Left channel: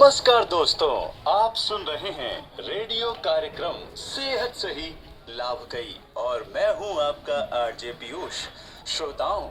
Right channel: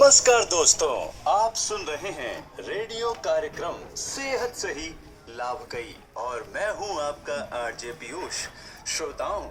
नमस्कार दोस्तों, आप सुन रहे हैं रेडियो कार्यक्रम सेहत सही लाभ कई और मैं हूं आपका आरजे पीयूष। श्रोताओं,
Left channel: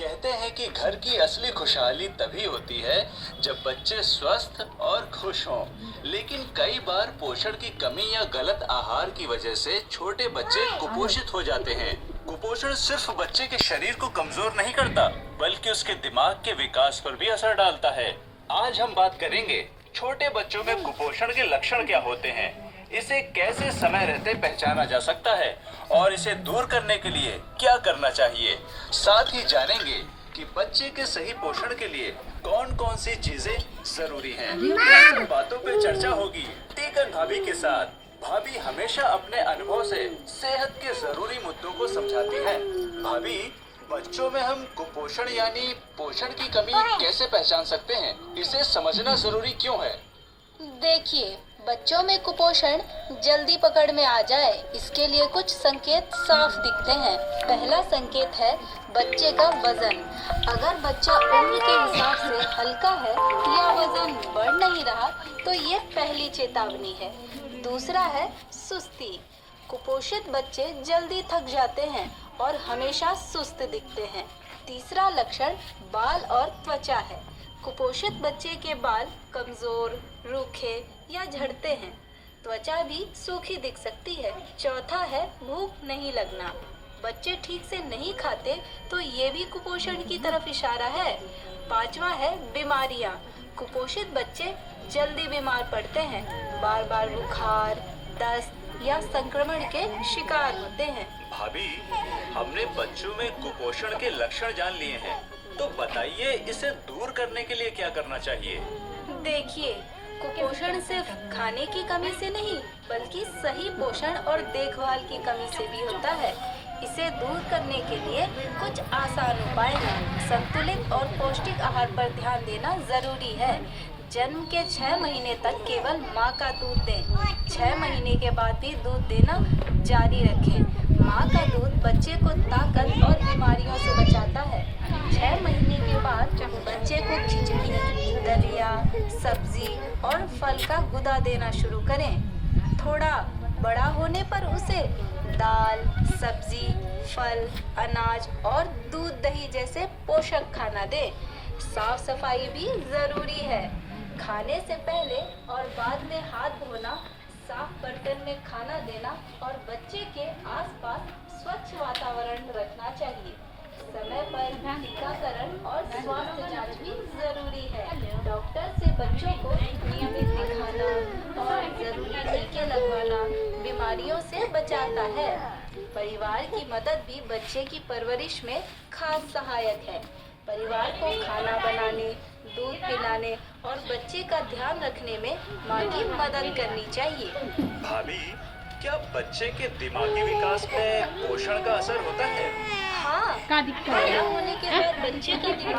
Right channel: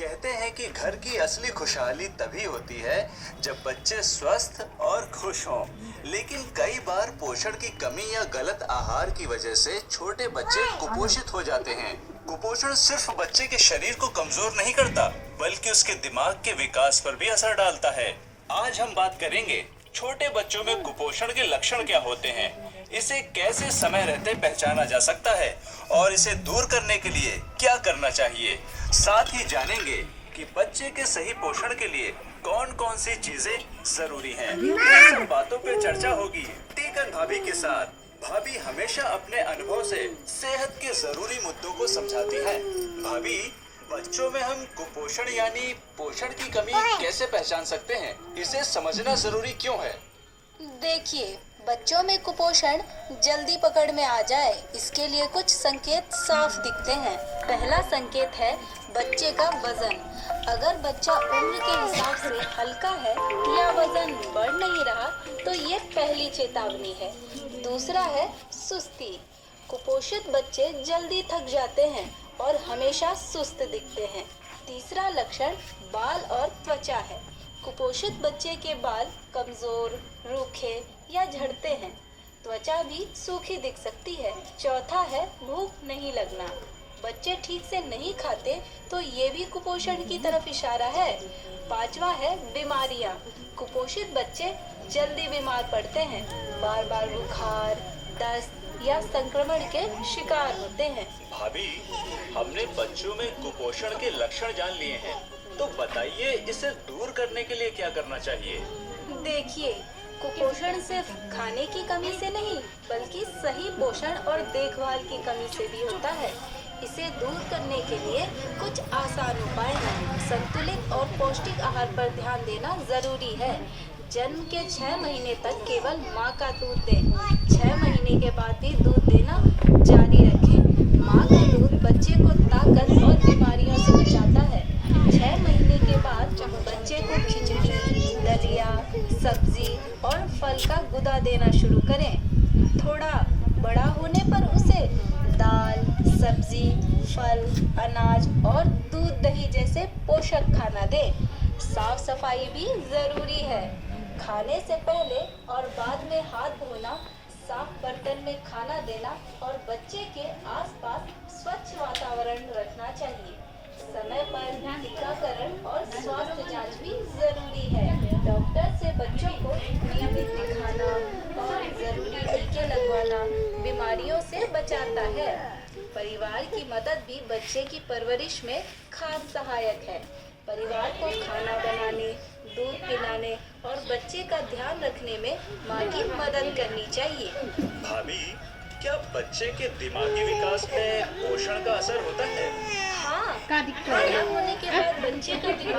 कहते हैं कि घर की असली खुशहाली तभी होती है जब बच्चे स्वस्थ और खुश हों, लेकिन कई बार पोषण की कमी या गलत आहार की वजह से छोटे बच्चे कुपोषित हो जाते हैं। कुपोषण सिर्फ बच्चे के शरीर को कमजोर नहीं करता, बल्कि उसके दिमाग के विकास पर भी असर डालता है। आज हम बात करेंगे छोटे बच्चों में कुपोषण के लक्षण क्या होते हैं, इसे कैसे समय रहते पहचाना जा सकता है और इसे दूर करने के लिए क्या करना चाहिए। साथ ही जानेंगे कि बच्चे के सही पोषण के लिए कौन कौन सी चीजें जरूरी हैं। इन बातों पे चर्चा होगी टीकन भाभी के साथ। भाभी हमेशा अपने अनुभव से सेहत के जरूरी मुद्दों को समझाती है। भाभी, बच्चों में हम कुपोषण यानी पोषण की कमी कैसे पहचान सकते हैं? इसे समझना जरूरी क्यों है? देखिए, बच्चों में कुपोषण जल्दी पकड़ में आ जाए, इसके लिए कुछ संकेत साफ दिखते हैं। पहला संकेत है बच्चे का वजन। अगर बच्चा उम्र के हिसाब से हल्का है या वजन बढ़ नहीं रहा तो ये पहली चेतावनी है। दूसरा है सुस्ती। कुपोषित बच्चे जल्दी थक जाते हैं और हमेशा सुस्त दिखते हैं। तीसरा लक्षण बाल और त्वचा है। कुपोषित बच्चे के बाल कमजोर, रूखे या झड़ते हैं। त्वचा भी सूखी दिख सकती है। चौथा है भूख नहीं लगना। बच्चे ठीक से नहीं खाते तो ये भी कुपोषण की तरफ इशारा है। पांचवा है बीमारियां। कुपोषित बच्चे जल्दी बीमार पड़ते हैं, बार बार बुखार, दस्त या संक्रमण के शिकार होते हैं। भाभी, हमने बच्चों में कुपोषण के लक्षण जान लिए हैं, तो बताइए इसे दूर करने के लिए क्या करना चाहिए? देखिए, कुपोषण सिर्फ खाने की कमी से नहीं बल्कि सही पोषण और देखभाल की कमी से भी होता है। इसे दूर करने के लिए कुछ आसान उपाय हैं। संतुलित और पौष्टिक आहार पर ध्यान देना जरूरी है। जन्म के 6 महीने तक केवल माँ का दूध दें। 6 महीने के बाद भी दूध देना जारी रखें। माँ का दूध बच्चे को ताकत और बीमारियों से बचाता है। 6 महीने के बाद बच्चे को खिचड़ी, दलिया, सब्जी और फल का गुदा देना शुरू करें। थोड़ा बड़ा होने पर उसे दाल, सब्जी, फल, अनाज और दूध दही जैसे पोषक खाना दें। साफ सफाई भी जरूरी है। खाने से पहले और बाद में हाथ धोना, साफ बर्तन में खाना देना और बच्चे के आसपास स्वच्छ वातावरण रखना चाहिए। समय पर टीकाकरण और स्वास्थ्य जांच भी जरूरी है। डॉक्टर से बच्चों को नियमित दिखाना और जरूरी टीके लगवाना बीमारियों से बचाता है। परिवार की मदद भी बच्चे की परवरिश में खास सहायक है। परिवार को खाना बनाने, दूध पिलाने और बच्चे का ध्यान रखने में माँ की मदद करनी चाहिए। भाभी, क्या बच्चे के दिमागी विकास में पोषण का असर होता है? हाँ, पैदा होने के बाद बच्चे का दिमाग